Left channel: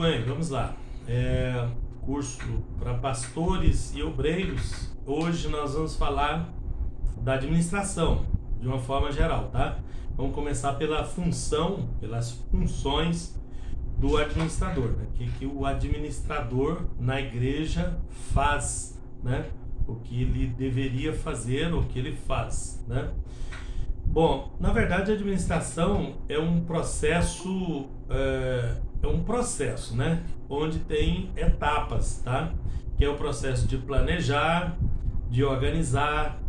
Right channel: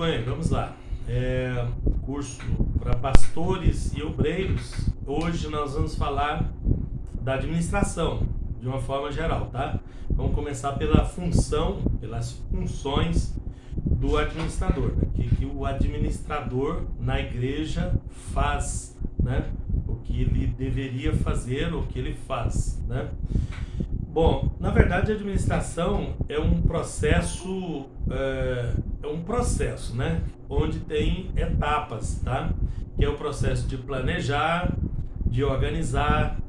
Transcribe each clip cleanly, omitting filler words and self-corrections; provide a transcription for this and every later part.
bem, vamos lá. Curso para pastores e obreiros. Hoje nós vamos falar da administração, de uma forma geral, tá? Vamos começar pelas funções do administrador, né? Que o administrador na igreja faz, né? O que ele deveria fazer, o que ele faz, né? Bom, na verdade a administração é um processo, né? Onde tem etapas, tá? Que é o processo de planejar, de organizar,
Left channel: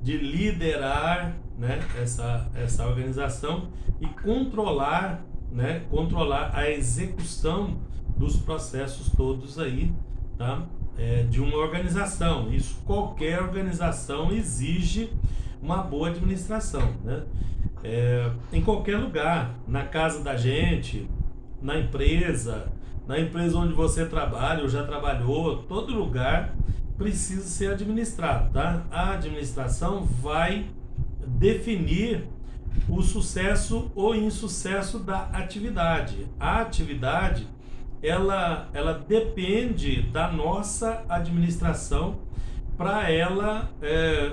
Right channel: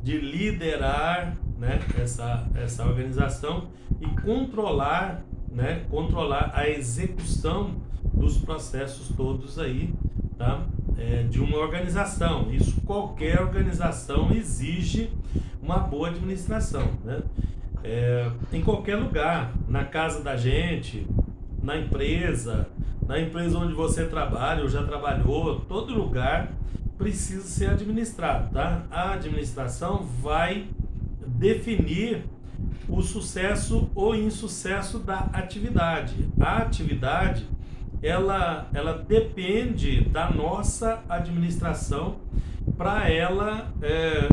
de liderar, né? Essa organização e controlar, né? Controlar a execução dos processos todos aí, tá? De uma organização. Isso qualquer organização exige uma boa administração, né? Em qualquer lugar, na casa da gente, na empresa onde você trabalha ou já trabalhou, todo lugar precisa ser administrado, tá? A administração vai definir o sucesso ou insucesso da atividade. A atividade, ela depende da nossa administração para ela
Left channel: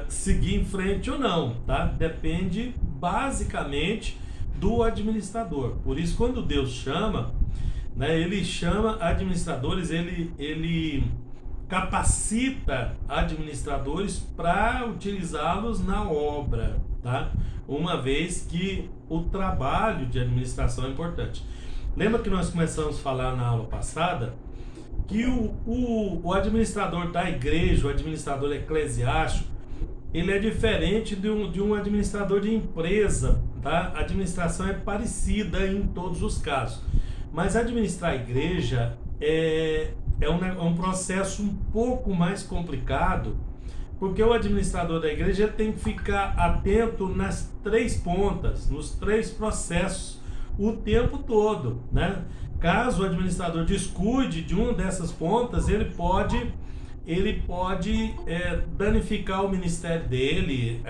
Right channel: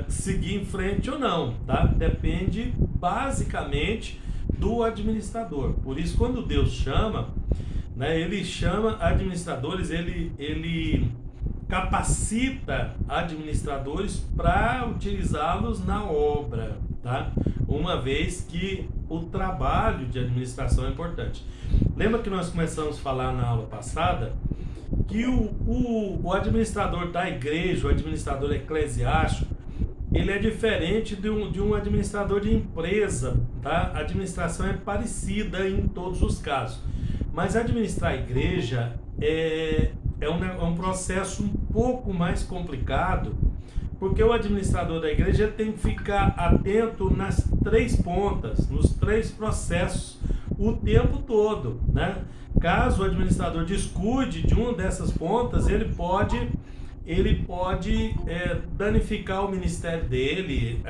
seguir em frente ou não, tá? Depende basicamente do administrador. Por isso, quando Deus chama, né, ele chama administradores, ele capacita administradores para utilizá-los na obra, tá? Uma vez que o trabalho de administração é importante. Lembra que nós começamos a falar na aula passada que o administrador da igreja, o administrador eclesiástico, ele é diferente de um administrador de empresa, tá? A administração é parecida em todos os casos, mas administrar a igreja é um processo um pouco mais complicado, porque o administrador da igreja tem que ficar atento nas três pontas, nos três processos, o tempo todo, né? Caso o administrador descuide de uma dessas pontas, ele pode danificar o ministério dele,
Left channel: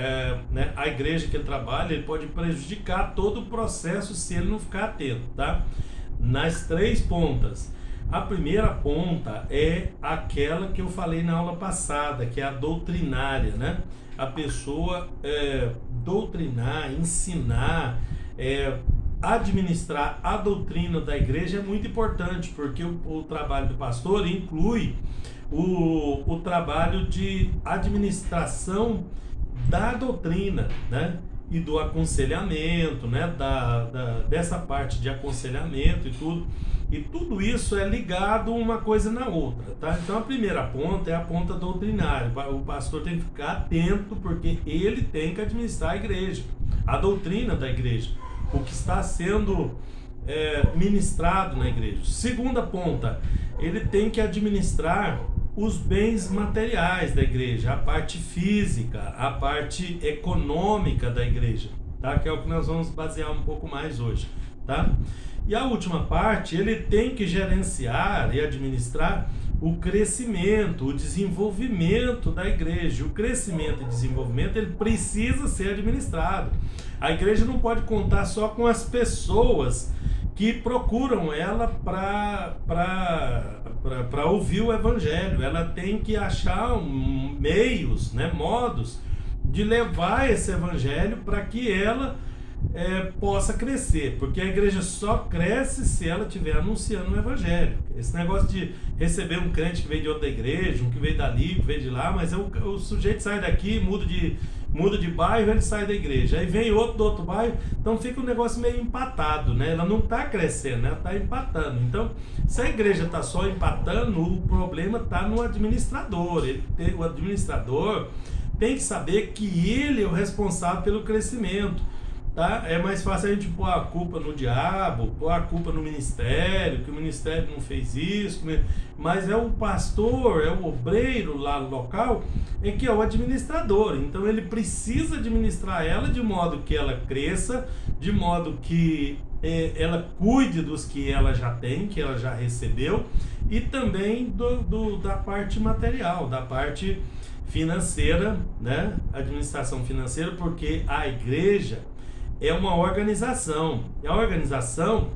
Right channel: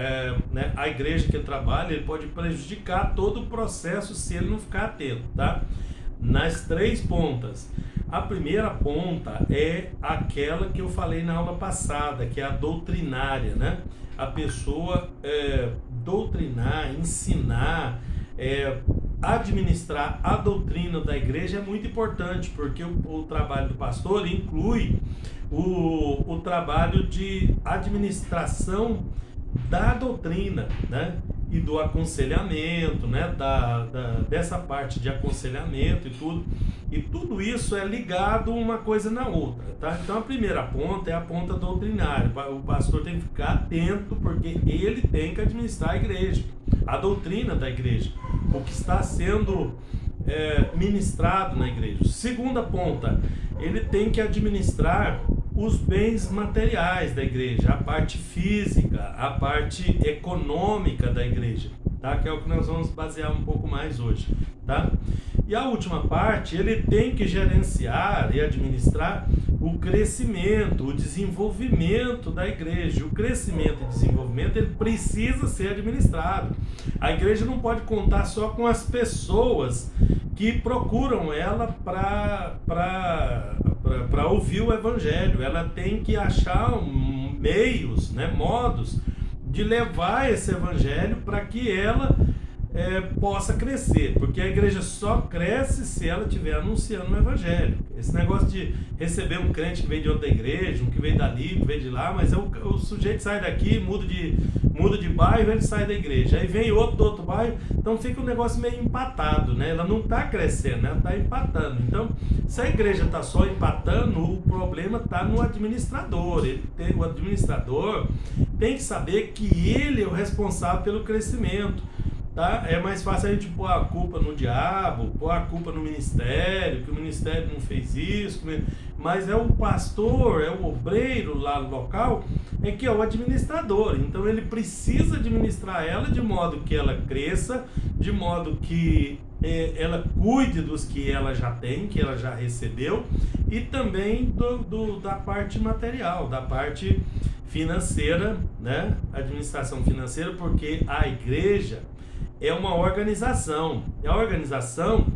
né? A igreja que ele trabalha, ele pode prejudicar todo o processo se ele não ficar atento, tá? Nas três pontas. A primeira ponta é aquela que eu falei na aula passada, que é a doutrinária, né? A pessoa doutrinar, ensinar, administrar a doutrina da igreja é muito importante, porque o trabalho do pastor inclui o trabalho de administração da doutrina, né? E do aconselhamento, né? Dessa parte de aconselhamento e tudo isso é ligado uma coisa na outra, tá? Então a primeira ponta é a ponta doutrinária. O pastor tem que ficar atento, porque ele tem que administrar a igreja, a doutrina da igreja, o que está sendo ministrado na igreja. Segunda ponta, ele tem que administrar os bens materiais da igreja, a parte física, a parte econômica da igreja, tá? Que é o que nós vamos basear um pouco mais hoje, tá? E a última parte, ele tem que gerenciar e administrar o crescimento, o desenvolvimento da igreja. O crescimento e desenvolvimento, ele precisa ser administrado. A igreja não pode contar só com as pessoas que procuram ela para ouvir o evangelho. Ela tem que achar meios, né, modos de levar esse evangelho para que ela possa crescer, porque a igreja só cresce se ela estiver anunciando o evangelho. Esse negócio de receber um crente que veio de outra igreja, um que veio dali, que veio de lá, mas o sujeito sai daqui, muda de bairro, ele sai da igreja, aí vem outro do outro bairro, então fica um negócio meio empatado, né? Ela não está crescendo, né? Ela está empatando. Então, se a igreja está só empatando, o problema está no administrador. O administrador tem que saber que ele é o responsável pelo crescimento, tá? É mais fácil a gente pôr a culpa no diabo, pôr a culpa no ministério, que o ministério não fez isso, mas é o pastor, é o obreiro lá no local, que é o administrador. Então ele precisa administrar ela de modo que ela cresça, de modo que ela cuide dos que ela já tem, que ela já recebeu, e também da parte material, da parte financeira, né? Administração financeira, porque a igreja é uma organização. E a organização,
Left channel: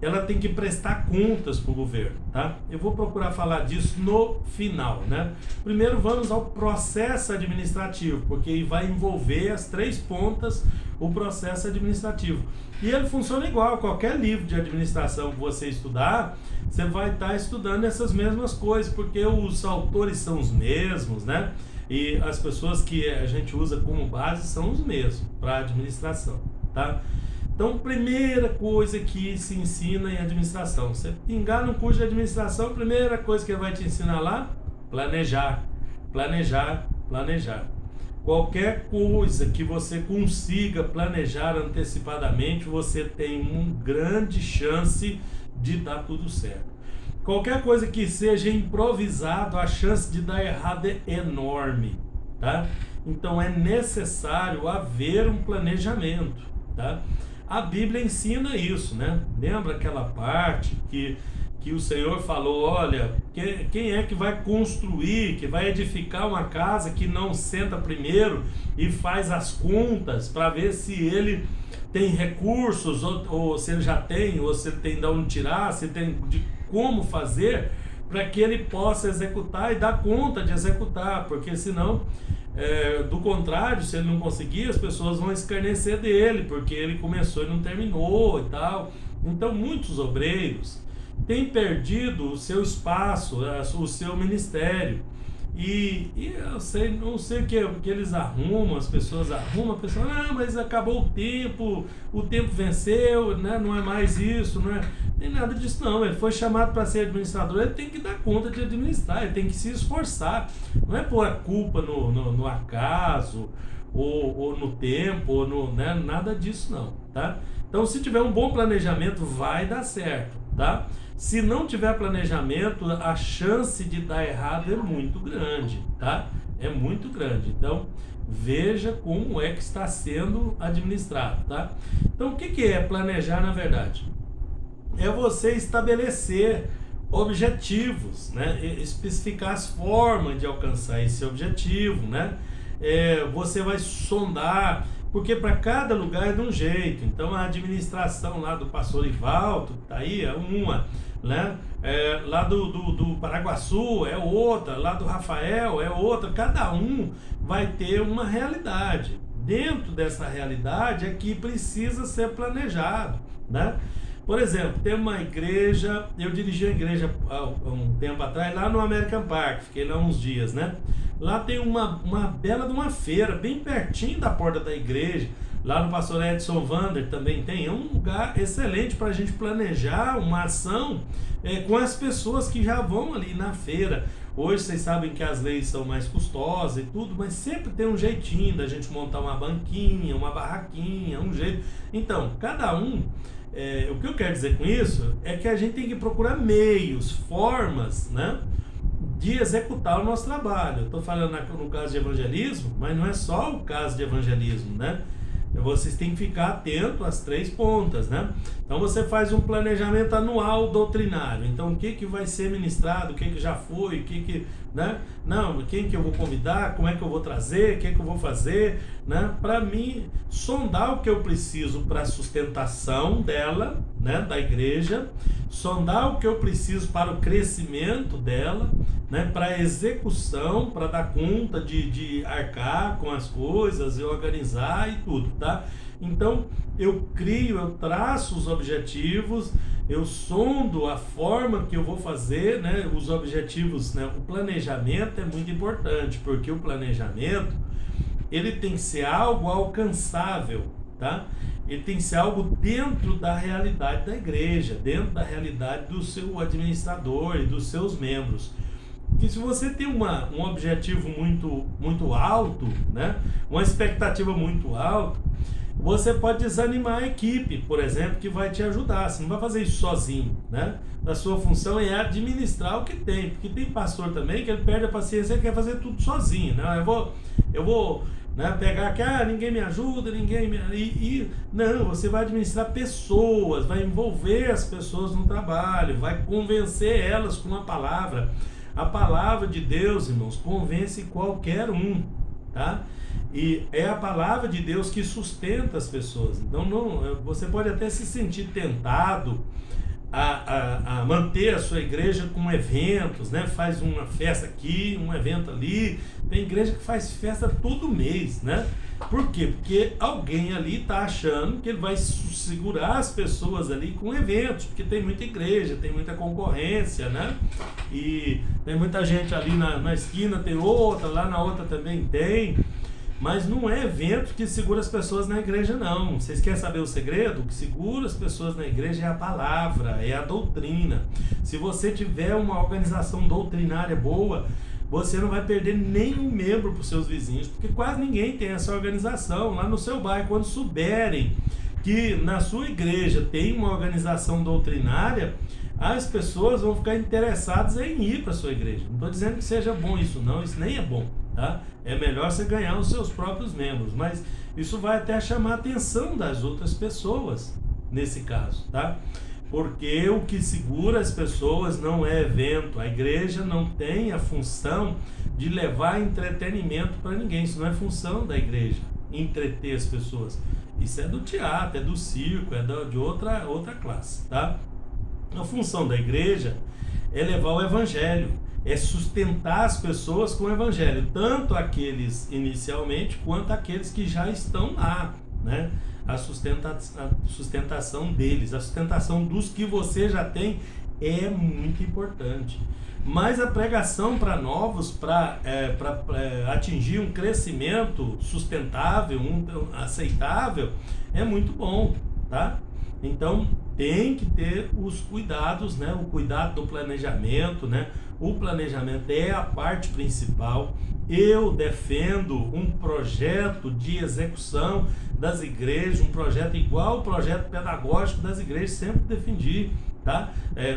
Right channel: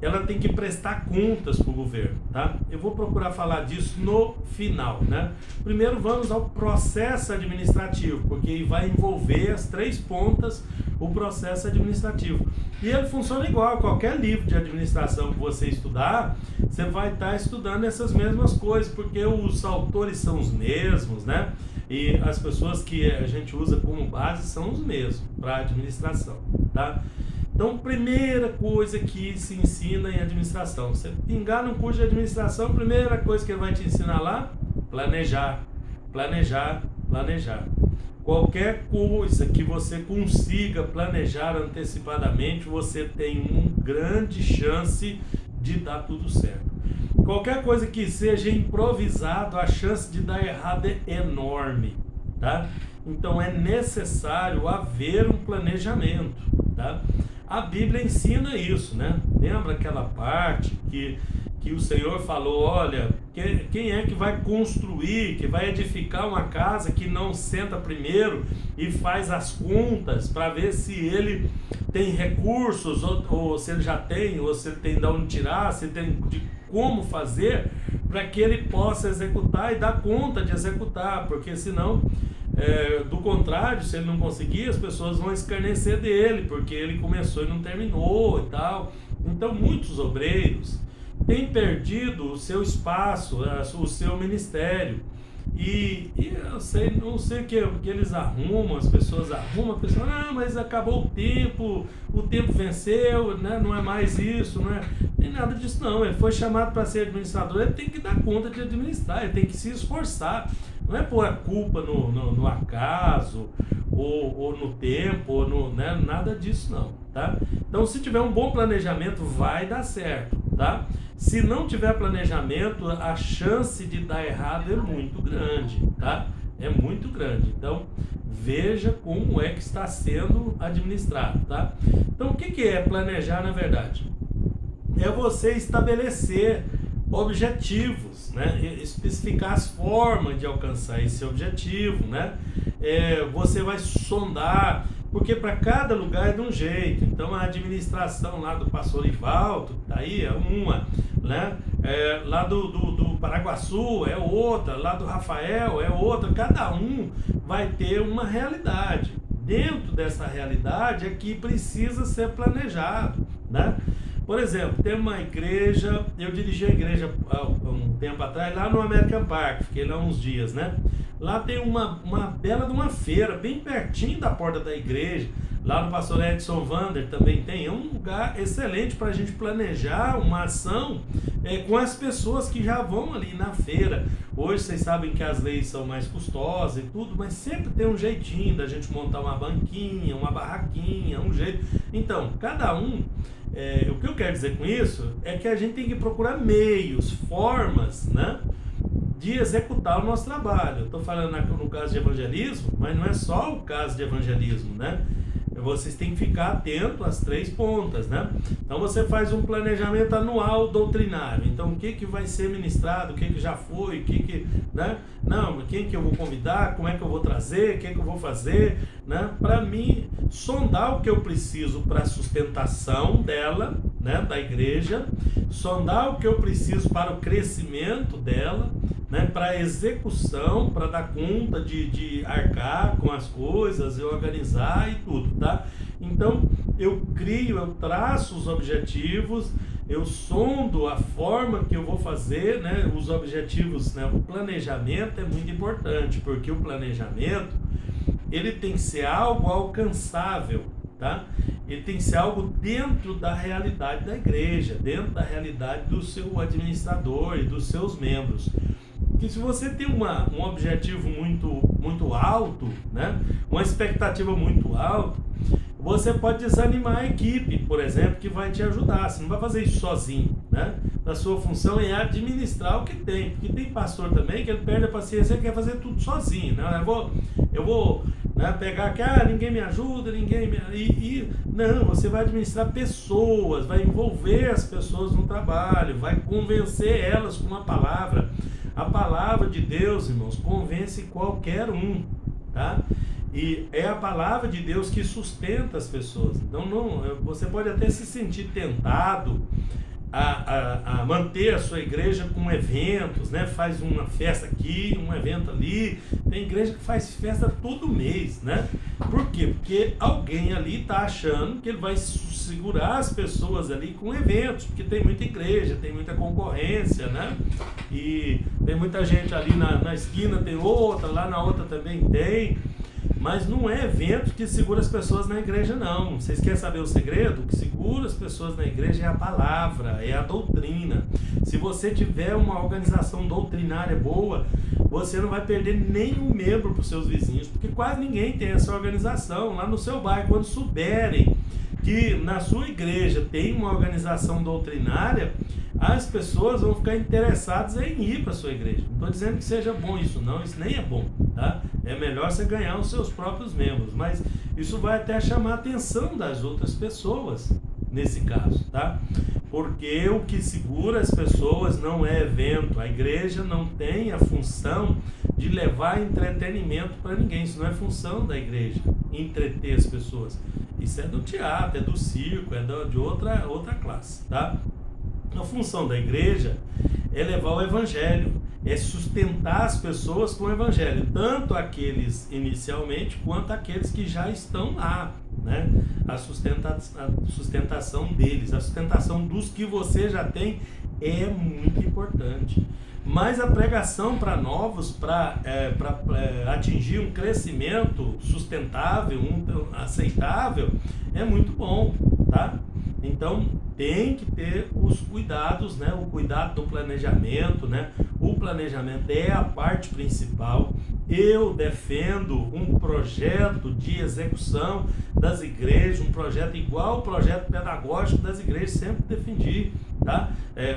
ela tem que prestar contas para o governo, tá? Eu vou procurar falar disso no final, né? Primeiro vamos ao processo administrativo, porque vai envolver as 3 pontas o processo administrativo. E ele funciona igual, qualquer livro de administração que você estudar, você vai estar estudando essas mesmas coisas, porque os autores são os mesmos, né? E as pessoas que a gente usa como base são os mesmos para administração, tá? Então, primeira coisa que se ensina em administração. Você pingar no curso de administração, primeira coisa que ele vai te ensinar lá, planejar, planejar, planejar. Qualquer coisa que você consiga planejar antecipadamente, você tem uma grande chance de dar tudo certo. Qualquer coisa que seja improvisado, a chance de dar errado é enorme, tá? Então é necessário haver um planejamento, tá? A Bíblia ensina isso, né? Lembra aquela parte que o Senhor falou, olha, quem é que vai construir, que vai edificar uma casa que não senta primeiro e faz as contas para ver se ele tem recursos, ou se ele já tem, ou se ele tem de onde tirar, se tem de como fazer, para que ele possa executar e dar conta de executar, porque senão, do contrário, se ele não conseguir, as pessoas vão escarnecer dele, porque ele começou e não terminou e tal. Então muitos obreiros têm perdido o seu espaço, o seu ministério. E eu sei, não sei o que eles arrumam, as pessoas arrumam, a pessoa, não, mas acabou o tempo venceu, né? Não é mais isso, não tem nada disso não. Ele foi chamado para ser administrador, ele tem que dar conta de administrar, ele tem que se esforçar, não é pôr a culpa no acaso, ou no tempo, ou no, né? Nada disso não, tá? Então, se tiver um bom planejamento, vai dar certo, tá? Se não tiver planejamento, a chance de dar errado é muito grande, tá? É muito grande. Então, veja como é que está sendo administrado, tá? Então, o que é planejar na verdade? É você estabelecer objetivos, né? Especificar as formas de alcançar esse objetivo, né? Você vai sondar, porque para cada lugar é de um jeito. Então a administração lá do Pastor Ivaldo, tá aí, é uma, né? Lá do Paraguaçu é outra, lá do Rafael é outra. Cada um vai ter uma realidade. Dentro dessa realidade é que precisa ser planejado, né? Por exemplo, tem uma igreja, eu dirigi a igreja há um tempo atrás, lá no American Park, fiquei lá uns dias, né? Lá tem uma bela de uma feira, bem pertinho da porta da igreja. Lá no Pastor Edson Vander também tem. É um lugar excelente para a gente planejar uma ação com as pessoas que já vão ali na feira. Hoje vocês sabem que as leis são mais custosas e tudo, mas sempre tem um jeitinho da gente montar uma banquinha, uma barraquinha, um jeito. Então, cada um... o que eu quero dizer com isso é que a gente tem que procurar meios, formas, né, de executar o nosso trabalho. Eu estou falando no caso de evangelismo, mas não é só o caso de evangelismo, né? Vocês têm que ficar atento às 3 pontas, né? Então você faz um planejamento anual doutrinário. Então o que vai ser ministrado, o que já foi, né? Não, quem que eu vou convidar, como é que eu vou trazer, o que eu vou fazer, né? Para mim sondar o que eu preciso para a sustentação dela, né, da igreja, sondar o que eu preciso para o crescimento dela, né, para a execução, para dar conta de arcar com as coisas, organizar e tudo, tá? Então eu traço os objetivos, eu sondo a forma que eu vou fazer, né, os objetivos, né, o planejamento é muito importante, porque o planejamento ele tem que ser algo alcançável, tá? Ele tem que ser algo dentro da realidade da igreja, dentro da realidade do seu administrador e dos seus membros. Que se você tem um objetivo muito alto, né? Uma expectativa muito alta, você pode desanimar a equipe, por exemplo, que vai te ajudar. Você não vai fazer isso sozinho, né? A sua função é administrar o que tem, porque tem pastor também que ele perde a paciência e quer fazer tudo sozinho, né? Eu vou né, pegar que ninguém me ajuda, não, você vai administrar pessoas, vai envolver as pessoas no trabalho, vai convencer elas com uma palavra. A palavra de Deus, irmãos, convence qualquer um, tá? E é a palavra de Deus que sustenta as pessoas. Então você pode até se sentir tentado a manter a sua igreja com eventos, né? Faz uma festa aqui, um evento ali. Tem igreja que faz festa todo mês, né? Por quê? Porque alguém ali está achando que ele vai segurar as pessoas ali com eventos, porque tem muita igreja, tem muita concorrência, né? E tem muita gente ali na esquina, tem outra, lá na outra também tem. Mas não é evento que segura as pessoas na igreja, não. Vocês querem saber o segredo? O que segura as pessoas na igreja é a palavra, é a doutrina. Se você tiver uma organização doutrinária boa, você não vai perder nenhum membro para os seus vizinhos, porque quase ninguém tem essa organização. Lá no seu bairro, quando souberem que na sua igreja tem uma organização doutrinária, as pessoas vão ficar interessadas em ir para a sua igreja. Não estou dizendo que seja bom isso, não, isso nem é bom, tá? É melhor você ganhar os seus próprios membros, mas isso vai até chamar a atenção das outras pessoas nesse caso, tá? Porque o que segura as pessoas não é evento. A igreja não tem a função de levar entretenimento para ninguém. Isso não é função da igreja, entreter as pessoas. Isso é do teatro, é do circo, é de outra classe, tá? A função da igreja é levar o evangelho, é sustentar as pessoas com o evangelho, tanto aqueles inicialmente quanto aqueles que já estão lá, né? A sustentação deles, a sustentação dos que você já tem é muito importante. Mas a pregação para novos, para atingir um crescimento sustentável, aceitável, é muito bom, tá? Então tem que ter os cuidados, né? O cuidado do planejamento, né? O planejamento é a parte principal. Eu defendo um projeto de execução das igrejas, um projeto igual ao projeto pedagógico das igrejas, sempre defendi, tá?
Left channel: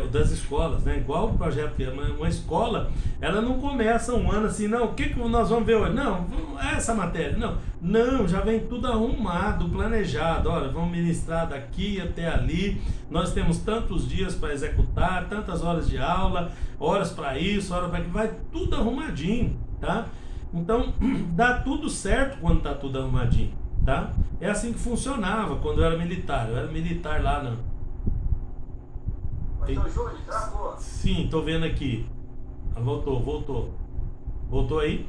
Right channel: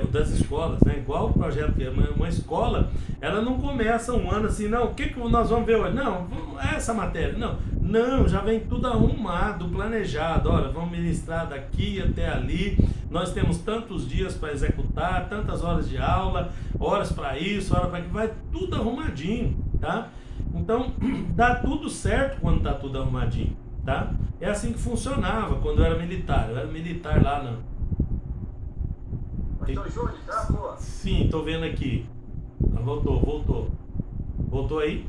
Das escolas, né? Igual o projeto, uma escola, ela não começa um ano assim, não, o que nós vamos ver hoje? Não, essa matéria, não, já vem tudo arrumado, planejado, olha, vamos ministrar daqui até ali, nós temos tantos dias para executar, tantas horas de aula, horas para isso, horas para aquilo, vai tudo arrumadinho, tá? Então, dá tudo certo quando está tudo arrumadinho, tá? É assim que funcionava quando eu era militar lá, não. Então, Júnior, travou. Sim, tô vendo aqui. Voltou. Voltou aí?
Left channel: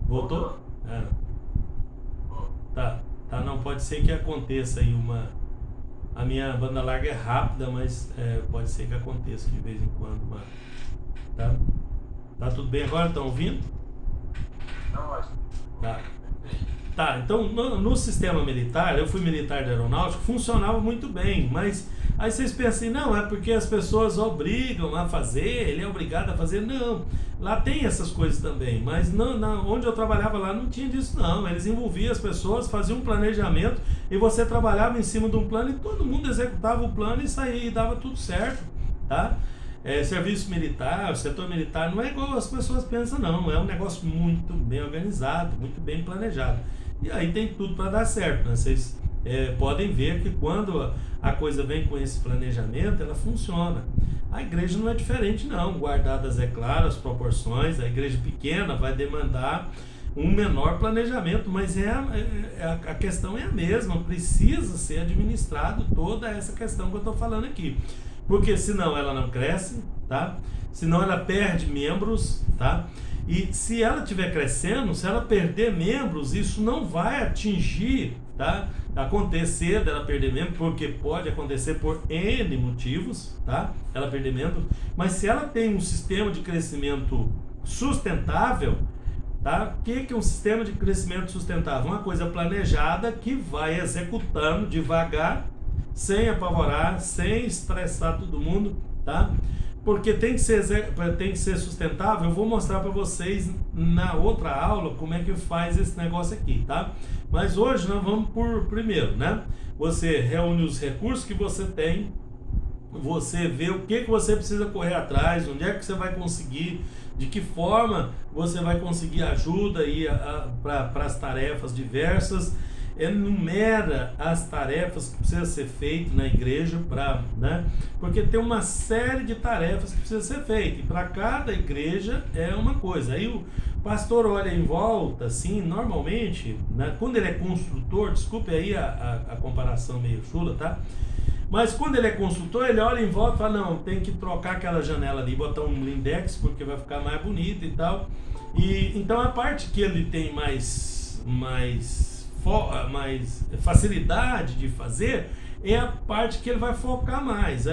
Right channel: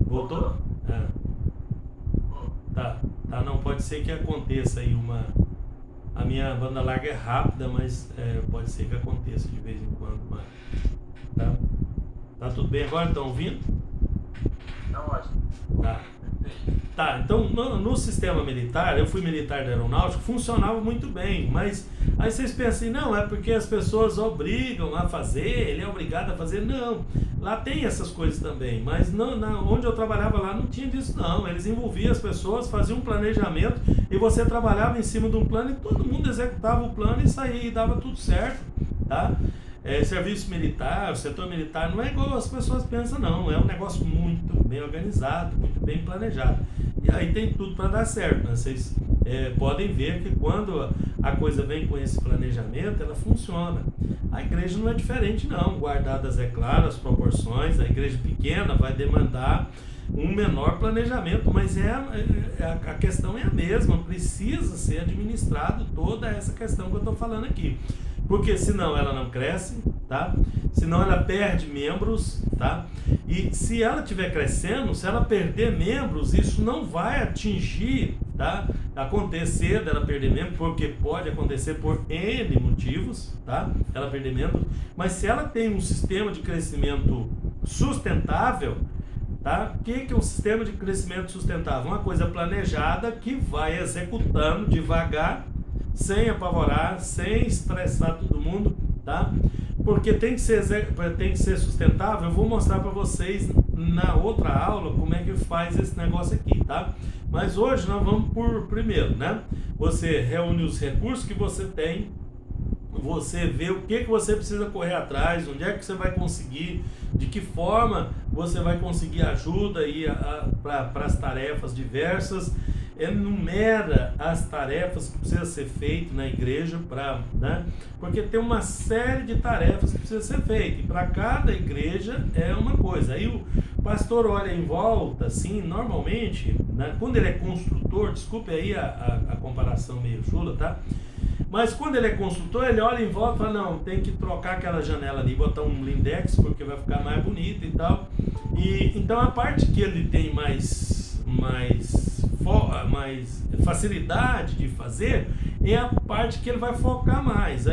Voltou? É. Tá, não, pode ser que aconteça aí a minha banda larga é rápida, mas pode ser que aconteça de vez em quando, tá? Tá tudo bem agora? Estão ouvindo? Tá ótimo. Tá, então no sistema militar, eu fui militar da aeronáutica, funcionava muito bem, mas aí vocês pensam assim, não, é porque as pessoas obrigam a fazer, ele é obrigado a fazer, não, lá tem essas coisas também, mas onde eu trabalhava lá não tinha disso não, eles envolviam as pessoas, faziam um planejamento e você trabalhava em cima de um plano e todo mundo executava o plano e saía e dava tudo certo, tá? Serviço militar, o setor militar não é igual as pessoas pensam não, é um negócio muito bem organizado, muito bem planejado, e aí tem tudo para dar certo, né? Vocês podem ver que quando a coisa vem com esse planejamento, ela funciona. A igreja não é diferente não, guardadas, é claro, as proporções. A igreja pequena vai demandar um menor planejamento, mas a questão é a mesma, precisa ser administrado toda essa questão que eu estou falando aqui. Porque senão ela não cresce, tá? Senão ela perde membros, tá? E se ela estiver crescendo, se ela perder membros, isso não vai atingir, tá? Acontecer dela perder membros, porque pode acontecer por N motivos, tá? Ela perder membros, mas se ela tem um sistema de crescimento sustentável, tá? O que é um sistema de crescimento sustentável? Uma coisa planejada que vai executando devagar, sem apavorar, sem estressar todo mundo, tá? Porque tem que ser sustentável. Eu vou mostrar para vocês na outra aula como é que faz esse negócio aqui, tá? Mas hoje nós vamos por primeiro, né? Você reúne os recursos que você tem, você vê o que você precisa correr atrás, onde é que você vai conseguir, de que forma você vai conseguir ajuda aí para as tarefas diversas. Enumera as tarefas que precisam ser feitas na igreja, né? Porque tem uma série de tarefas que precisam ser feitas, e para cada igreja é uma coisa. Aí o pastor olha em volta, assim, normalmente, né, quando ele é construtor, desculpe aí a comparação meio chula, tá? Mas quando ele é consultor, ele olha em volta e fala, não, tem que trocar aquela janela ali, botar um blindex, porque vai ficar mais bonito e tal. E então a parte que ele tem mais facilidade de fazer é a parte que ele vai focar mais.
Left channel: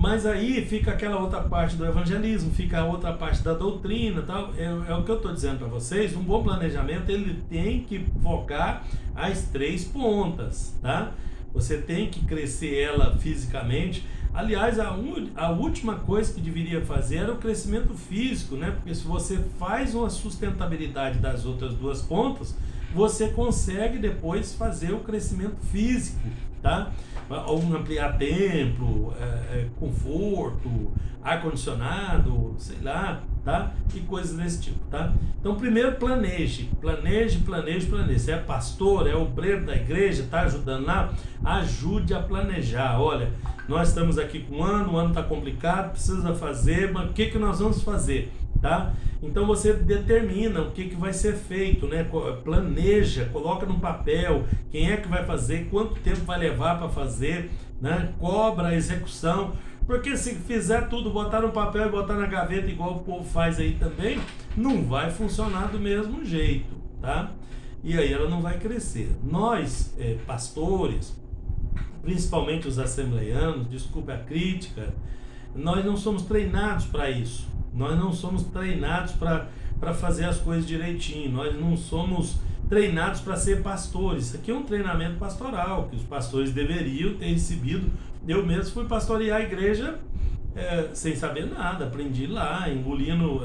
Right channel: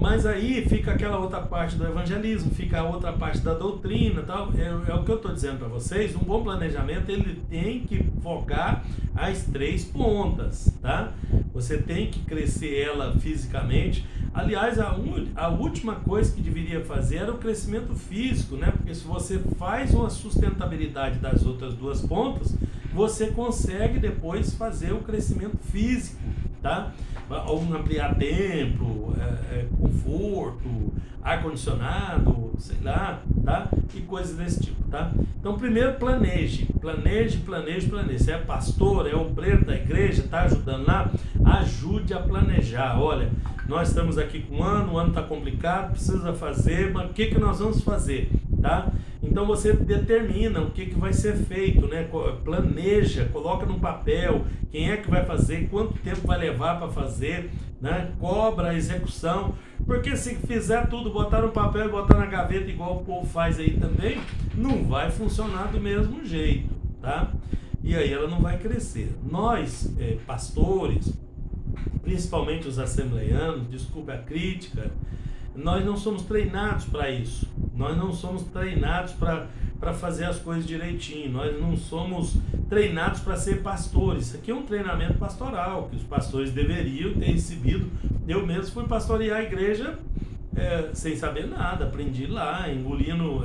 Mas aí fica aquela outra parte do evangelismo, fica a outra parte da doutrina, tal. É o que eu estou dizendo para vocês. Um bom planejamento, ele tem que focar as 3 pontas, tá? Você tem que crescer ela fisicamente. Aliás, a última coisa que deveria fazer era o crescimento físico, né? Porque se você faz uma sustentabilidade das outras 2 pontas, você consegue depois fazer o crescimento físico, tá? Ou ampliar templo, conforto, ar-condicionado, sei lá, tá? E coisas desse tipo, tá? Então, primeiro planeje. Se é pastor, é obreiro da igreja, tá ajudando lá, ajude a planejar. Olha, nós estamos aqui com o ano está complicado, precisa fazer, mas o que nós vamos fazer, tá? Então você determina o que vai ser feito, né? Planeja, coloca no papel quem é que vai fazer, quanto tempo vai levar para fazer, né? Cobra a execução, porque se fizer tudo, botar no papel e botar na gaveta igual o povo faz aí também, não vai funcionar do mesmo jeito, tá? E aí ela não vai crescer. Nós, pastores, principalmente os assembleianos, desculpe a crítica, nós não somos treinados para isso. Nós não somos treinados para fazer as coisas direitinho. Nós não somos treinados para ser pastores. Isso aqui é um treinamento pastoral que os pastores deveriam ter recebido. Eu mesmo fui pastorear a igreja sem saber nada. Aprendi lá, engolindo,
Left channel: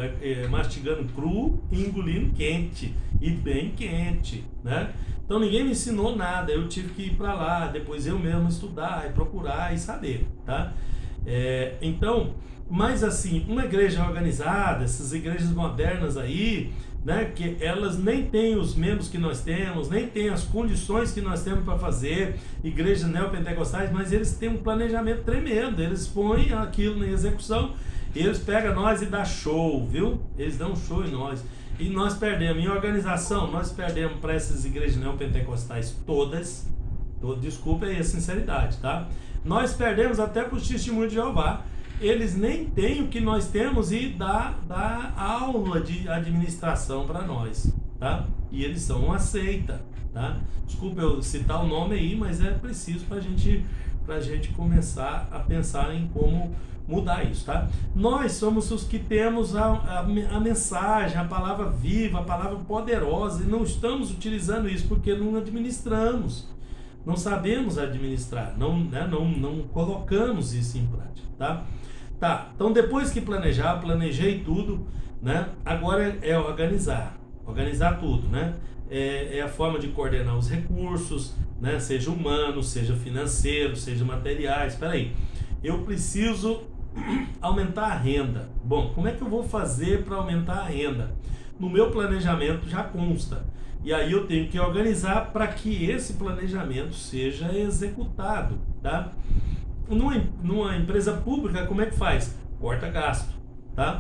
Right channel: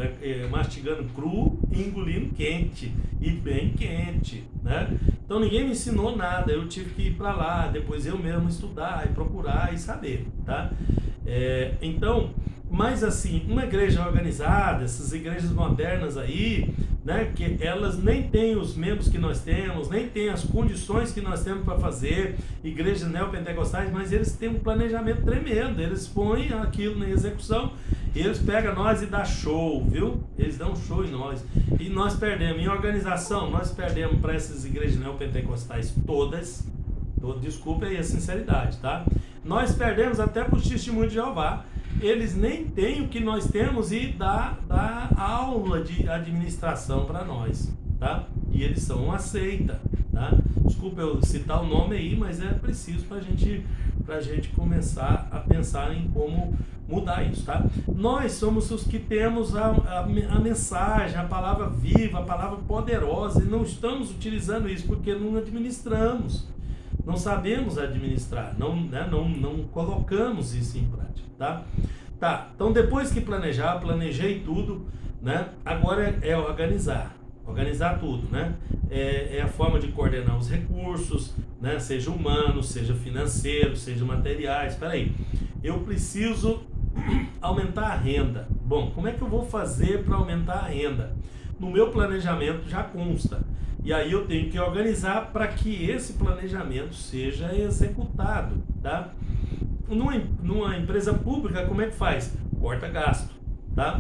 mastigando cru e engolindo quente. E bem quente, né? Então ninguém me ensinou nada. Eu tive que ir para lá, depois eu mesmo estudar e procurar e saber, tá? Então, mas assim, uma igreja organizada, essas igrejas modernas aí, né, que elas nem têm os membros que nós temos, nem têm as condições que nós temos para fazer, igrejas neopentecostais, mas eles têm um planejamento tremendo, eles põem aquilo na execução, eles pegam nós e dão show, viu? Eles dão show em nós, e nós perdemos, em organização, nós perdemos para essas igrejas neopentecostais todas, desculpa aí a sinceridade, tá? Nós perdemos até para o testemunho de Jeová. Eles nem têm o que nós temos e dá aula de administração para nós, tá? E eles são uma seita, tá? Desculpa eu citar o nome aí, mas é preciso para a gente começar a pensar em como mudar isso, tá? Nós somos os que temos a mensagem, a palavra viva, a palavra poderosa, e não estamos utilizando isso porque não administramos. Não sabemos administrar, não colocamos isso em prática, tá? Tá, então depois que planejei tudo, né? Agora é organizar tudo, né? É a forma de coordenar os recursos, né? Seja humanos, seja financeiros, seja materiais. Espera aí, eu preciso aumentar a renda. Bom, como é que eu vou fazer para aumentar a renda? No meu planejamento já consta. E aí eu tenho que organizar para que esse planejamento seja executado, tá? Numa empresa pública, como é que faz? Corta gasto, tá?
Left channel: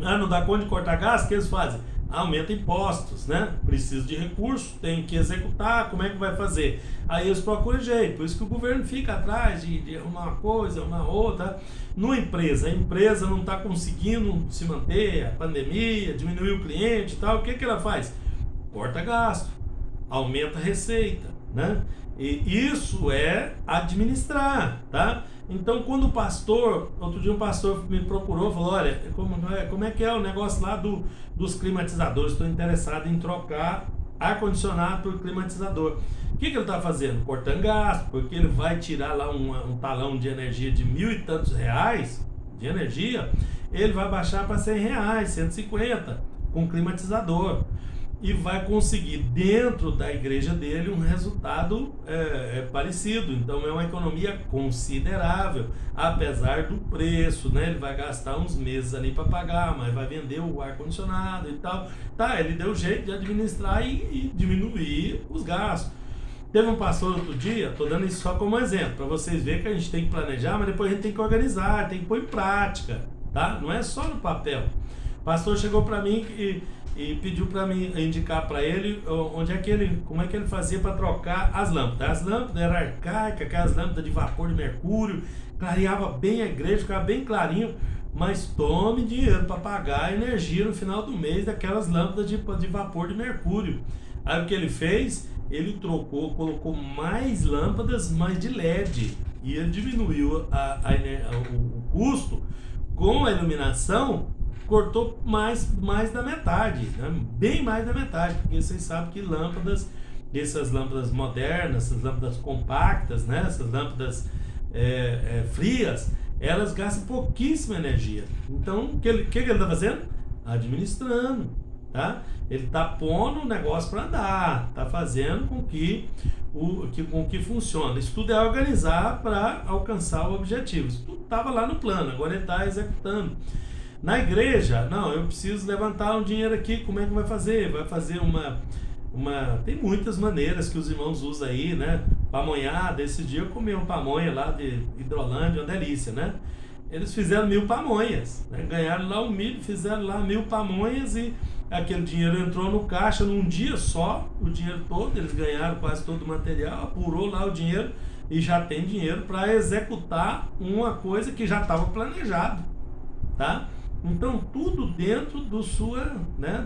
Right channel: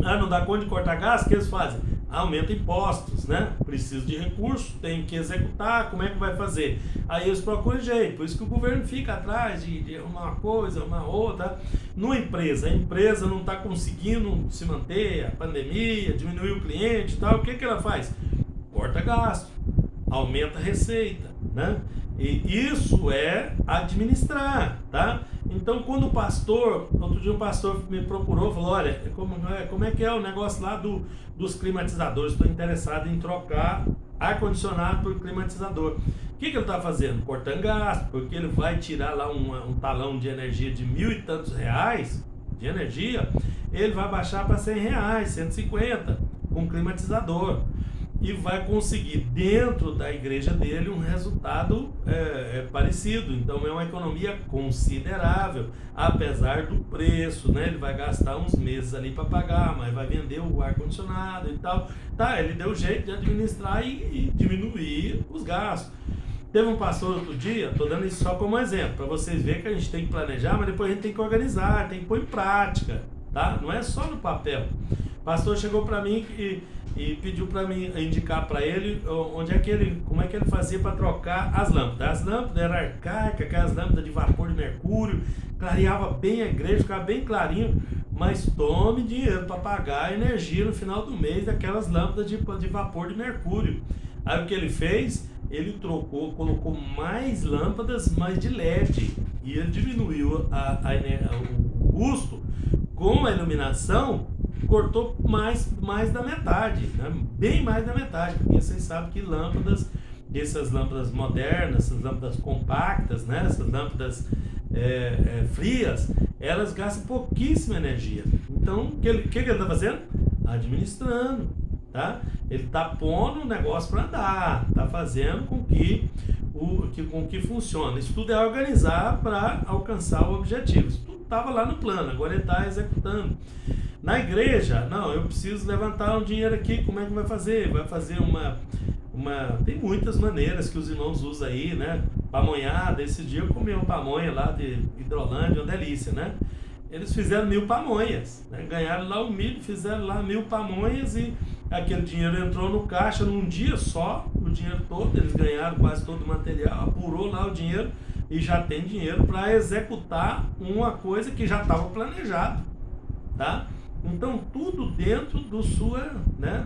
Não dá conta de cortar gasto, o que eles fazem? Aumenta impostos, né? Preciso de recursos, tem que executar, como é que vai fazer? Aí eles procuram jeito, por isso que o governo fica atrás de arrumar uma coisa, uma outra. Numa empresa, a empresa não está conseguindo se manter, a pandemia, diminuiu o cliente e tal, o que ela faz? Corta gasto, aumenta a receita, né? E isso é administrar, tá? Então, quando o pastor, outro dia um pastor me procurou, falou, olha, como é que é o negócio lá dos climatizadores? Estou interessado em trocar ar-condicionado por climatizador. O que ele está fazendo? Cortando gasto, porque ele vai tirar lá um talão de energia de R$1.000 e tantos de energia, ele vai baixar para R$100, 150 com climatizador. E vai conseguir dentro da igreja dele um resultado parecido. Então é uma economia considerável, apesar do preço, né? Ele vai gastar uns meses ali para pagar, mas vai vender o ar-condicionado e tal. Tá, ele deu jeito de administrar e diminuir os gastos. Teve um pastor outro dia, estou dando isso só como exemplo, para vocês verem que a gente tem que planejar, mas depois a gente tem que organizar, tem que pôr em prática, tá? Não é só no papel. pastor chegou para mim e pediu para mim indicar para ele como é que ele fazia para trocar as lâmpadas. As lâmpadas eram arcaicas, aquelas lâmpadas de vapor de mercúrio, clareava bem a igreja, ficava bem clarinho, mas tome dinheiro para pagar a energia no final do mês daquelas lâmpadas de vapor de mercúrio. Aí o que ele fez? Ele colocou mais lâmpadas, mas de LED, e ele diminuiu o custo. Com a iluminação, cortou mais da metade, né? Bem mais da metade, porque vocês sabem que essas lâmpadas modernas, essas lâmpadas compactas, né? Essas lâmpadas frias, elas gastam pouquíssima energia. Então, o que ele está fazendo? Administrando, tá? Ele está pondo o negócio para andar, está fazendo com que funcione. Isso tudo é organizar para alcançar o objetivo. Isso tudo estava lá no plano, agora ele está executando. Na igreja, não, eu preciso levantar um dinheiro aqui, como é que vai fazer? Vai fazer tem muitas maneiras que os irmãos usam aí, né? Pamonhada. Esse dia eu comi uma pamonha lá de Hidrolândia, uma delícia, né? Eles fizeram 1000 pamonhas, né? Ganharam lá o milho, fizeram lá 1000 pamonhas e aquele dinheiro entrou no caixa num dia só, o dinheiro todo, eles ganharam quase todo o material, apurou lá o dinheiro e já tem dinheiro para executar uma coisa que já estava planejado, tá? Então tudo dentro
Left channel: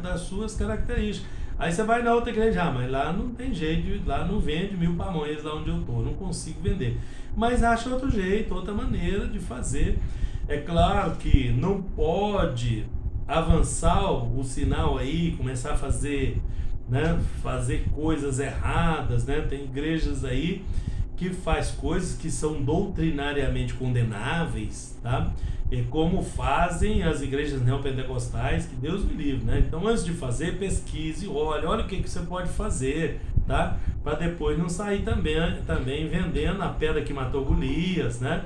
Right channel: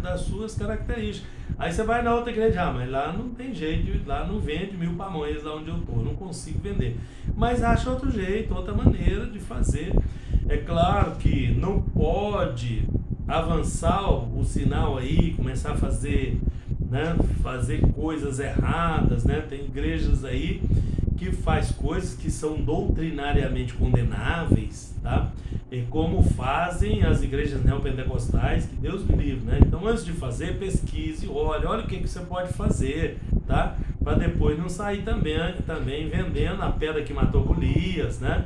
das suas características. Aí você vai na outra igreja, mas lá não tem jeito, lá não vende 1000 pamonhas lá onde eu estou, não consigo vender. Mas acha outro jeito, outra maneira de fazer. É claro que não pode avançar o sinal aí, começar a fazer coisas erradas, né? Tem igrejas aí que faz coisas que são doutrinariamente condenáveis, tá? E como fazem as igrejas neopentecostais, que Deus me livre, né? Então, antes de fazer, pesquise, olha o que você pode fazer, tá? Para depois não sair também vendendo a pedra que matou Golias, né?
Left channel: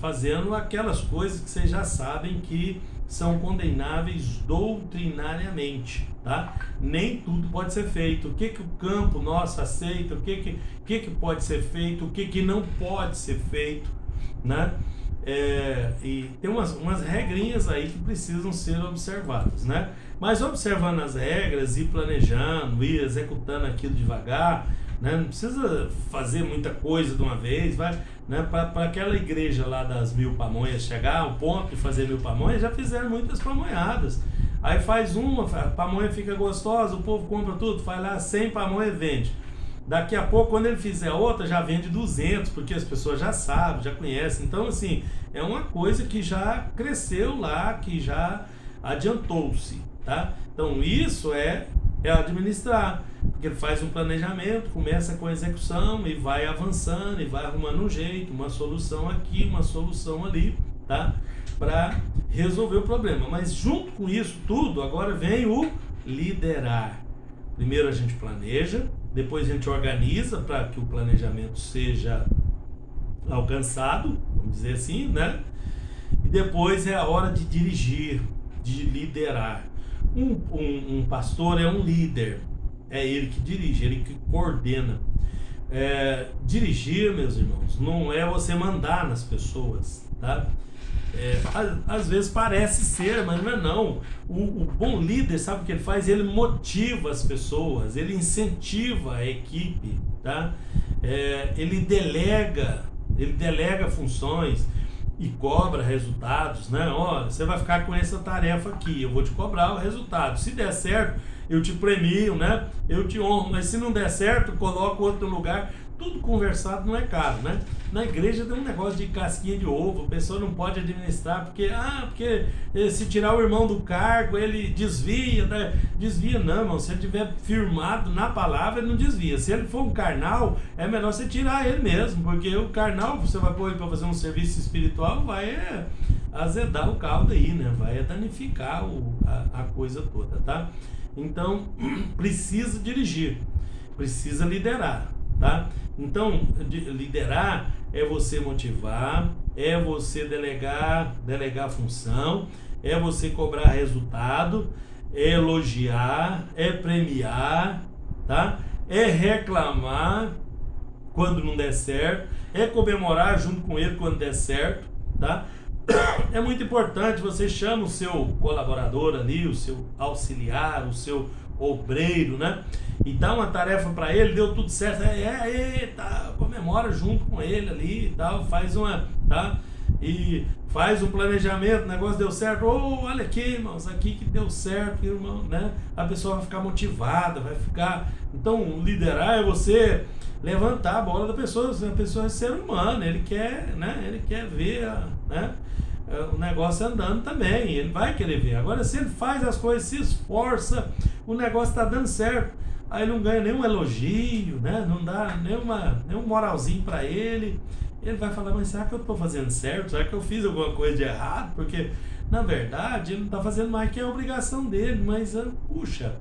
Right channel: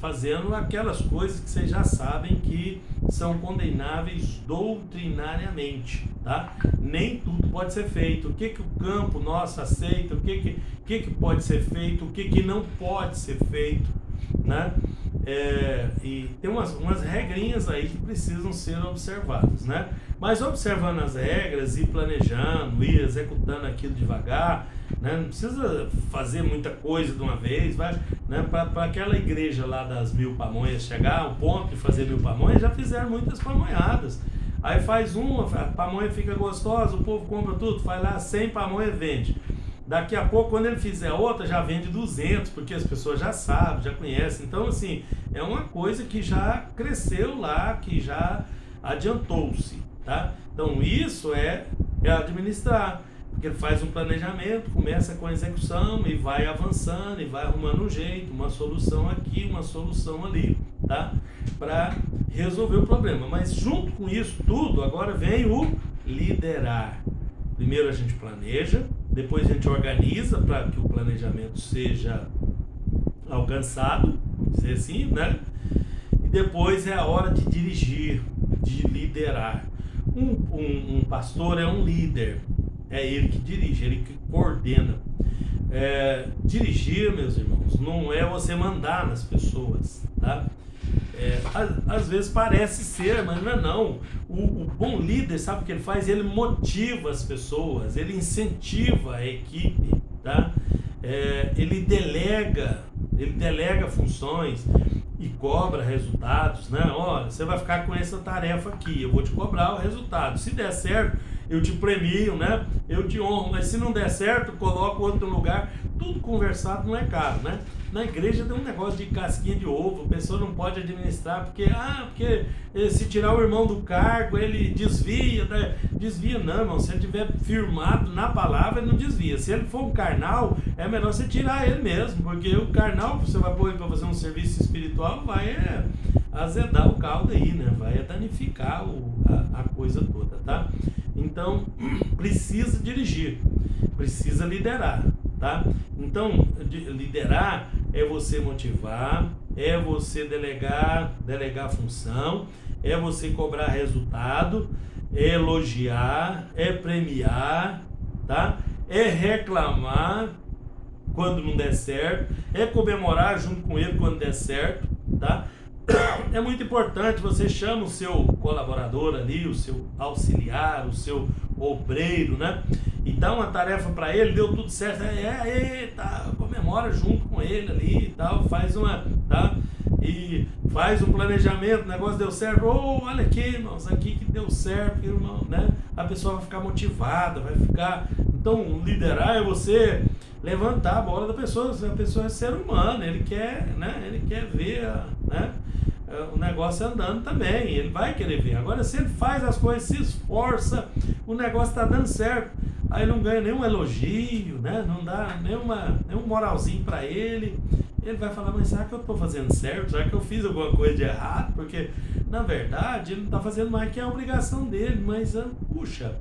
Fazendo aquelas coisas que vocês já sabem que são condenáveis doutrinariamente, tá? Nem tudo pode ser feito. O que o campo nosso aceita, o que pode ser feito, o que não pode ser feito, né? E tem umas regrinhas aí que precisam ser observadas, né? Mas observando as regras e planejando, e executando aquilo devagar, né? Não precisa fazer muita coisa de uma vez, vai, né? Para aquela igreja lá das 1000 pamonhas chegar ao ponto de fazer 1000 pamonhas, já fizeram muitas pamonhadas. Aí faz uma, a pamonha fica gostosa, o povo compra tudo, faz lá 100 pamonhas e vende. Daqui a pouco, quando ele fizer outra, já vende 200, porque as pessoas já sabem, já conhecem. Então, assim, é uma coisa que já cresceu lá, que já adiantou-se, tá? Então, isso é administrar, porque ele faz um planejamento, começa com a execução e vai avançando e vai arrumando um jeito, uma solução aqui, uma solução ali, tá? Para resolver o problema. Mas junto com isso tudo, agora vem o liderar. Primeiro a gente planeja, depois a gente organiza para que o planejamento seja alcançado, vamos dizer assim, né? E depois é a hora de dirigir, de liderar. Um pastor é um líder, é ele que dirige, ele que coordena. Dirigir, meus irmãos, não é você mandar nas pessoas, tá? Às vezes parece ser, mas não é não. O bom líder, sabe o que ele faz? Ele motiva as pessoas, ele incentiva a equipe, tá? Ele delega funções e cobra resultados, né? Olha, você vai ficar com essa tarefa aqui, eu vou te cobrar o resultado. Se der certo, eu te premio, né? Eu te honro, mas se não der certo, coloco outro lugar. Tudo conversado não é caro, né? Na igreja tem um negócio de casquinha de ovo, a pessoa não pode administrar, porque se tirar o irmão do cargo, ele desvia, né? Desvia não, irmão, se ele tiver firmado na palavra, ele não desvia. Se ele for um carnal, é melhor você tirar ele mesmo, porque o carnal, você vai pôr ele para fazer um serviço espiritual, vai azedar o caldo aí, né? Vai danificar a coisa toda, tá? Então, precisa dirigir, precisa liderar, tá? Então, liderar é você motivar, é você delegar função, é você cobrar resultado, é elogiar, é premiar, tá? É reclamar quando não der certo, é comemorar junto com ele quando der certo, tá? é muito importante, você chama o seu colaborador ali, o seu auxiliar, o seu obreiro, né? E dá uma tarefa para ele, deu tudo certo, tá, comemora junto com ele ali e tal, faz uma, tá? E faz um planejamento, o negócio deu certo, olha aqui, irmãos, aqui que deu certo, irmão, né? A pessoa vai ficar motivada, vai ficar... Então, liderar é você levantar a bola da pessoa, a pessoa é ser humano, ele quer, né? Ele quer ver, né? O negócio andando também, ele vai querer ver. Agora, se ele faz as coisas, se esforça, o negócio está dando certo, aí não ganha nenhum elogio, né? Não dá nenhum moralzinho para ele, ele vai falar, mas será que eu estou fazendo certo? Será que eu fiz alguma coisa de errado? Porque, na verdade, ele não está fazendo mais que a obrigação dele, mas, puxa,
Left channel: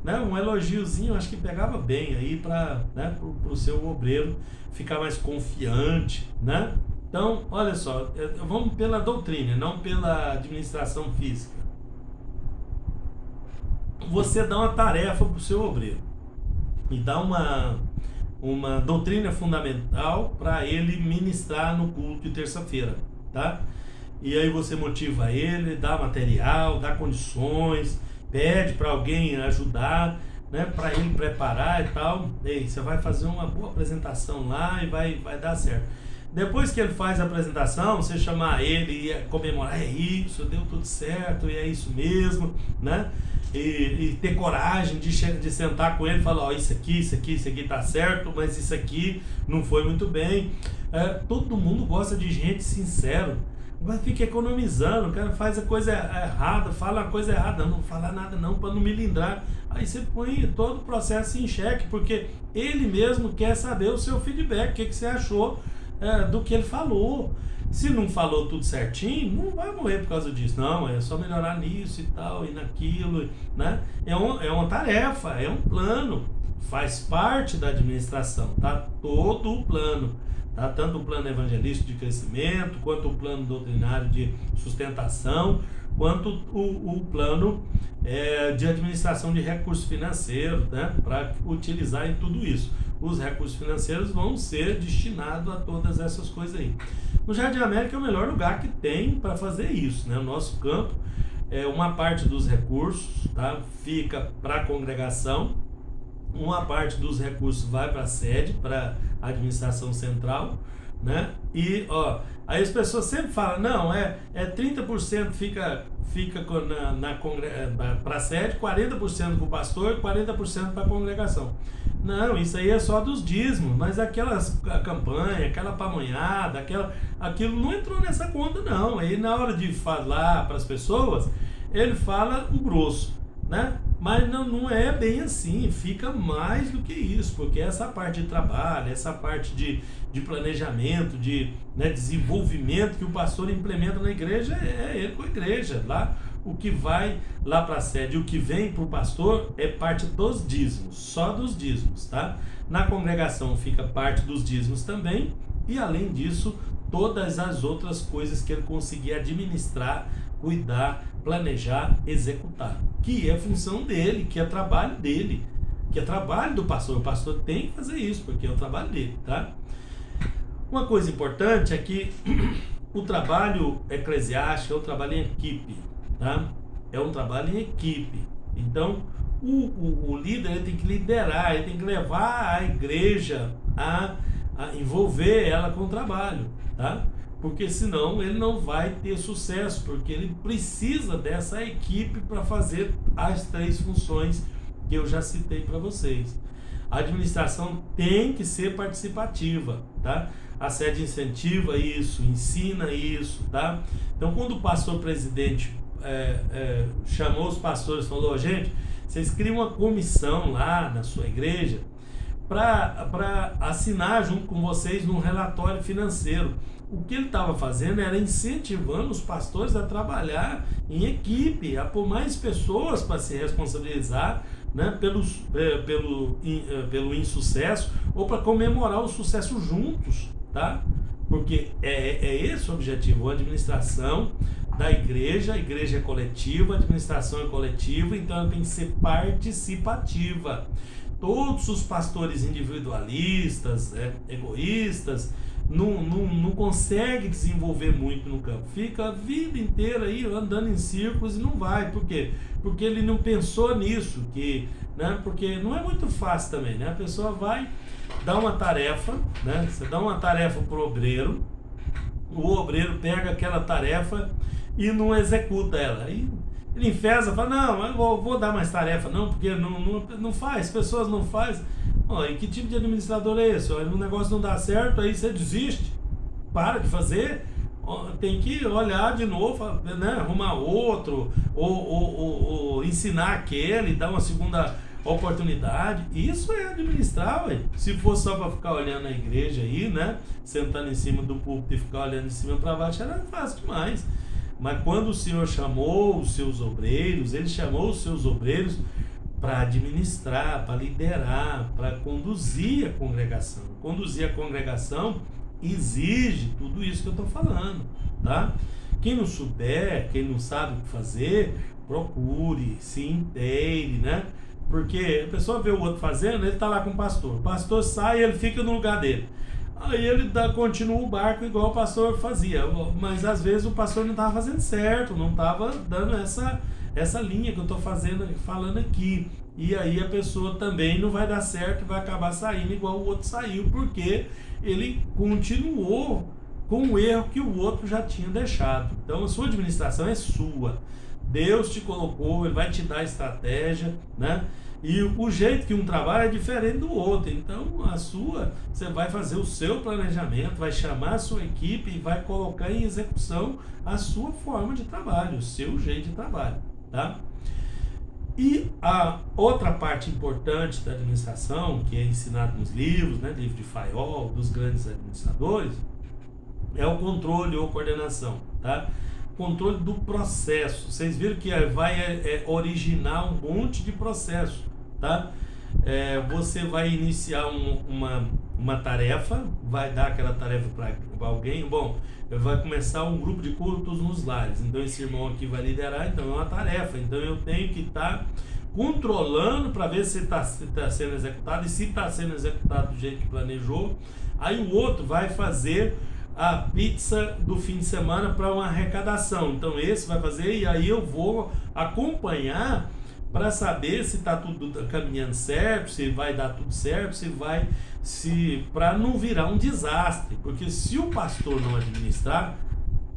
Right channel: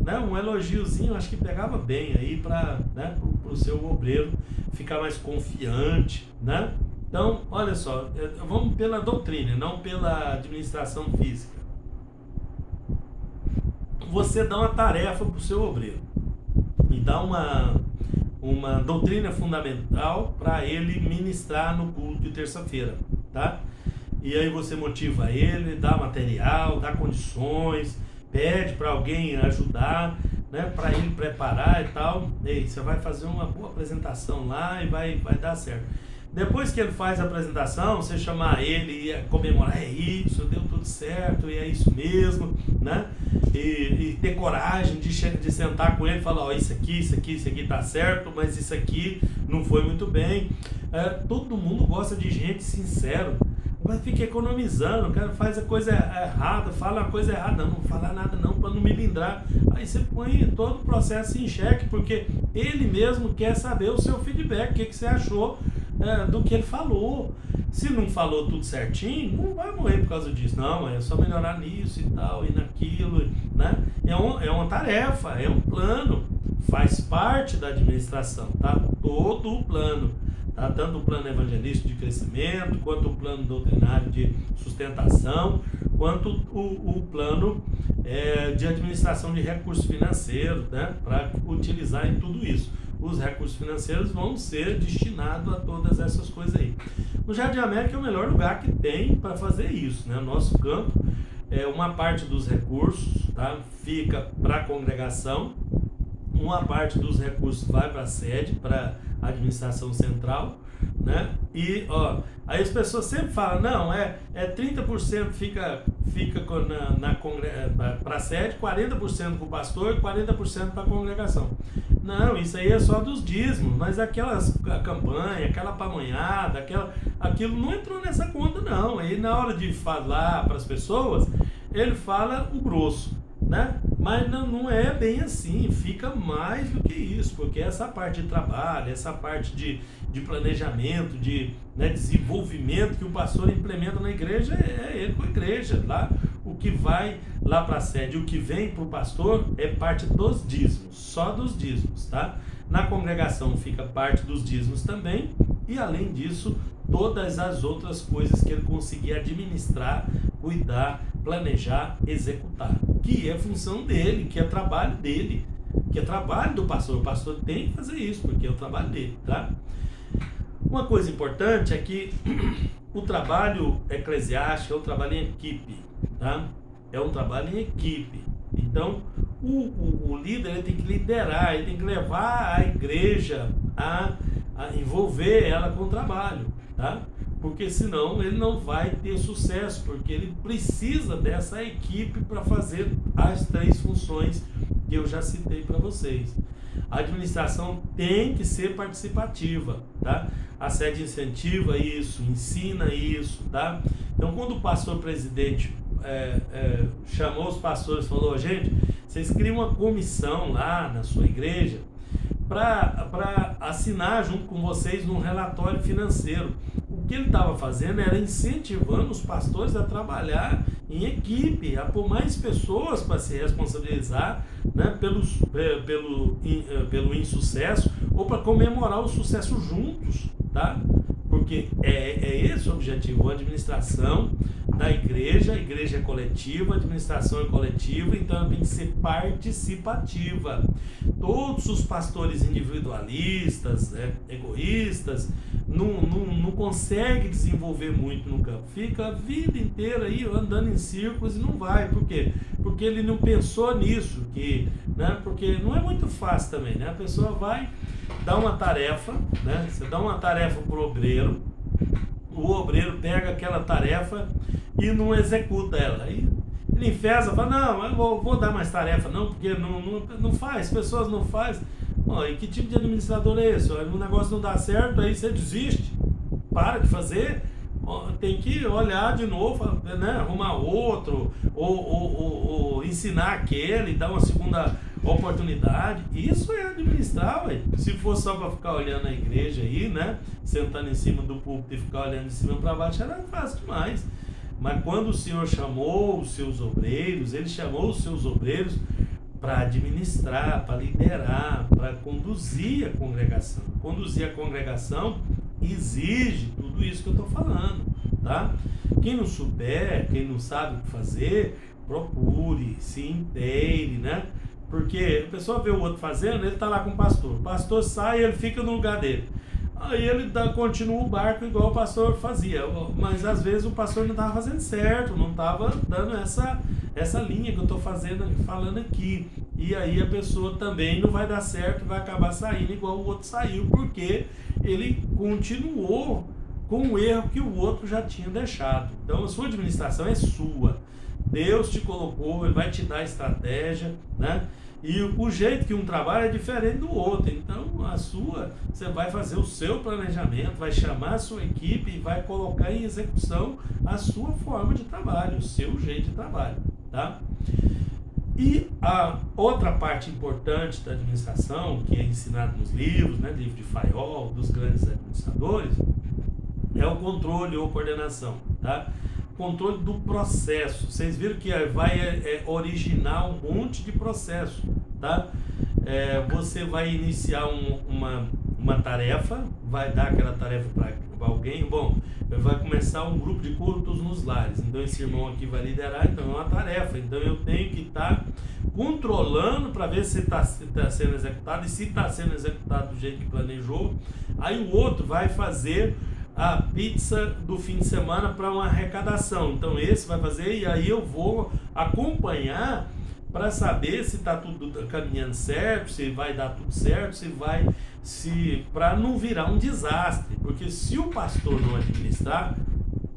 né? Um elogiozinho, acho que pegava bem aí para, né? Pro seu obreiro ficar mais confiante, né? Então, olha só, vamos pela doutrina, não pela administração física. Você dá uma tarefa para o seu obreiro e dá uma doutrina fundamental para ele ministrar no culto de terça-feira, tá? E aí você motiva ele, dá material, dá condições, pede para alguém ajudar, né, para ele preparar e tal. E você vai fazer uma boa apresentação lá e vai dar certo. Depois que ele faz a apresentação, você chamar ele e comemorar, é isso, deu tudo certo, e é isso mesmo, né? E ter coragem de sentar com ele e falar, ó, isso aqui tá certo, mas isso aqui não foi muito bem. Todo mundo gosta de gente sincero, mas fica economizando, o cara faz a coisa errada, fala a coisa errada, não vou falar nada não, para não me lindrar. Aí você põe todo o processo em xeque, porque ele mesmo quer saber o seu feedback, o que você achou do que ele falou. Se não falou tudo certinho, não vai morrer por causa disso, não, é só melhorar nisso e tal, e naquilo, né? É uma tarefa, é um plano, faz parte da administração, tá? Todo o plano, tá? Tanto o plano evangelístico de crescimento, quanto o plano doutrinário de sustentação, quanto o plano de administração de recursos financeiros, né? Para utilizar em tudo isso. Os recursos financeiros vão ser destinados a todas essas coisas aí. No Jardim América é o melhor lugar que tem para fazer isso, né? O nosso campo, uma parte dos recursos, tá? Fica para a congregação, uma parte dos recursos vai para a sede, para a administração central, né? E, aí as pessoas sempre falam, não, 30% fica para a sede, 40% para o pastor e 40% para a congregação. Não, isso aí é só dos dízimos, mas a campanha, aquela pamonhada, aquilo não entrou nessa conta não. Aí na hora de falar para as pessoas, ele fala o grosso, né? Mas não é bem assim, fica mais do que isso, porque essa parte de trabalho, essa parte de planejamento, de desenvolvimento que o pastor implementa na igreja, é ele com a igreja. Lá, o que vai lá para a sede, o que vem para o pastor é parte dos dízimos, só dos dízimos, tá? Na congregação fica parte dos dízimos também, e além disso, todas as outras coisas que ele conseguir administrar, cuidar, planejar, executar, que é função dele, que é trabalho dele, que é trabalho do pastor. O pastor tem que fazer isso, porque é o trabalho dele, tá? Uma coisa importante é que o trabalho eclesiástico é um trabalho em equipe, tá? É um trabalho em equipe. Então, o líder ele tem que liderar, ele tem que levar a igreja a envolver ela com o trabalho, tá? Porque senão ele não vai ter sucesso, porque ele precisa dessa equipe para fazer as 3 funções que eu já citei para vocês. A administração tem que ser participativa, tá? A sede incentiva isso, ensina isso, tá? Então, quando o pastor presidente chamou os pastores e falou, gente, vocês criam uma comissão lá na sua igreja para assinar junto com vocês num relatório financeiro. O que ele estava fazendo era incentivando os pastores a trabalhar em equipe, a pôr mais pessoas para se responsabilizar, né, pelo insucesso ou para comemorar o sucesso juntos, tá? porque é esse o objetivo. A administração da igreja, a igreja é coletiva, a administração é coletiva, então ela tem que ser participativa. Todos os pastores individualistas, egoístas, não consegue desenvolver muito no campo, fica a vida inteira aí andando em círculos e não vai. Por quê? Porque ele não pensou nisso, porque não é muito fácil também, né? A pessoa vai dar uma tarefa, né? Você dá uma tarefa para o obreiro obreiro pega aquela tarefa e não executa ela, aí ele enfesa, fala, não, eu vou dar mais tarefa não, porque não faz, pessoas não fazem. E que tipo de administrador é esse? O negócio não dá certo, aí você desiste, para de fazer, tem que olhar de novo, né? Arrumar outro, ou ensinar aquele, dar uma segunda oportunidade. Isso é administrar, ué. Se for só para ficar olhando a igreja aí, né? Sentando em cima do púlpito e ficar olhando de cima para baixo, era fácil demais. Mas quando o Senhor chamou os seus obreiros, Ele chamou os seus obreiros para administrar, para liderar, para conduzir a congregação. Conduzir a congregação exige tudo isso que eu estou falando, tá? Quem não souber, quem não sabe o que fazer, procure, se inteire, né? Porque a pessoa vê o outro fazendo, ele está lá com o pastor sai e ele fica no lugar dele. Aí ele continua o barco igual o pastor fazia, mas às vezes o pastor não estava fazendo certo, não estava dando essa linha que eu estou falando aqui. E aí a pessoa também não vai dar certo, vai acabar saindo igual o outro saiu, porque ele continuou com o erro que o outro já tinha deixado. Então a sua administração é sua. Deus te colocou, Ele vai te dar estratégia, né? E o jeito que um trabalha é diferente do outro. Então você vai fazer o seu planejamento, vai chamar a sua equipe e vai colocar em execução a sua forma de trabalho, o seu jeito de trabalho, tá? E a outra parte importante da administração, que é ensinado nos livros, né, livro de Fayol, dos grandes administradores, é o controle ou coordenação, tá? Controle do processo. Vocês viram que vai originar um monte de processo, tá? Você vai iniciar uma tarefa, vai dar aquela tarefa para alguém. Bom, vai começar um grupo de cultos nos lares, então esse irmão aqui vai liderar, então é uma tarefa, então eu tenho que estar controlando para ver se está sendo executado, e se está sendo executado do jeito que planejou. Aí o outro vai fazer a pizza do fim de semana para uma arrecadação, então esse vai fazer, e aí eu vou acompanhar para saber se está tudo caminhando certo, se vai dar tudo certo, para não virar um desastre, porque se o pastor não administrar,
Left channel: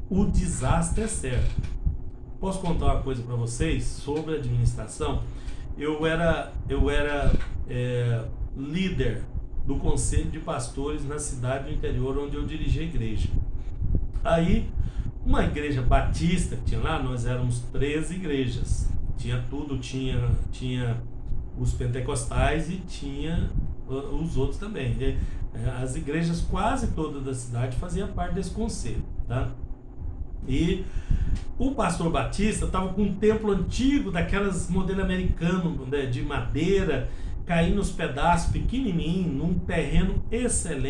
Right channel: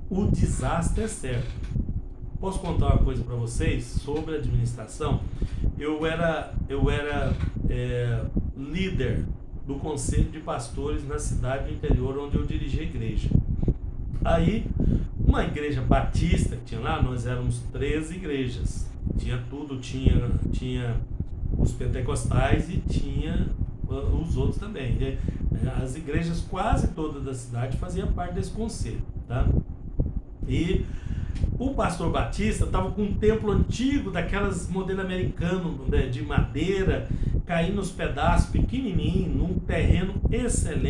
o desastre é certo. Posso contar uma coisa para vocês sobre administração? Eu era líder do conselho de pastores na cidade do interior onde eu dirigi a igreja. Aí, uma igreja batista que tinha lá, nós éramos 13 igrejas. Tinha tudo, tinha os pentecostais e tinha os outros também. As igrejas quase todas da cidade faziam parte desse conselho, tá? E o pastor Batista estava com um templo antigo, daquelas modelo americano, né, de madeira, caindo nos pedaços, pequenininho, num terreno excelente.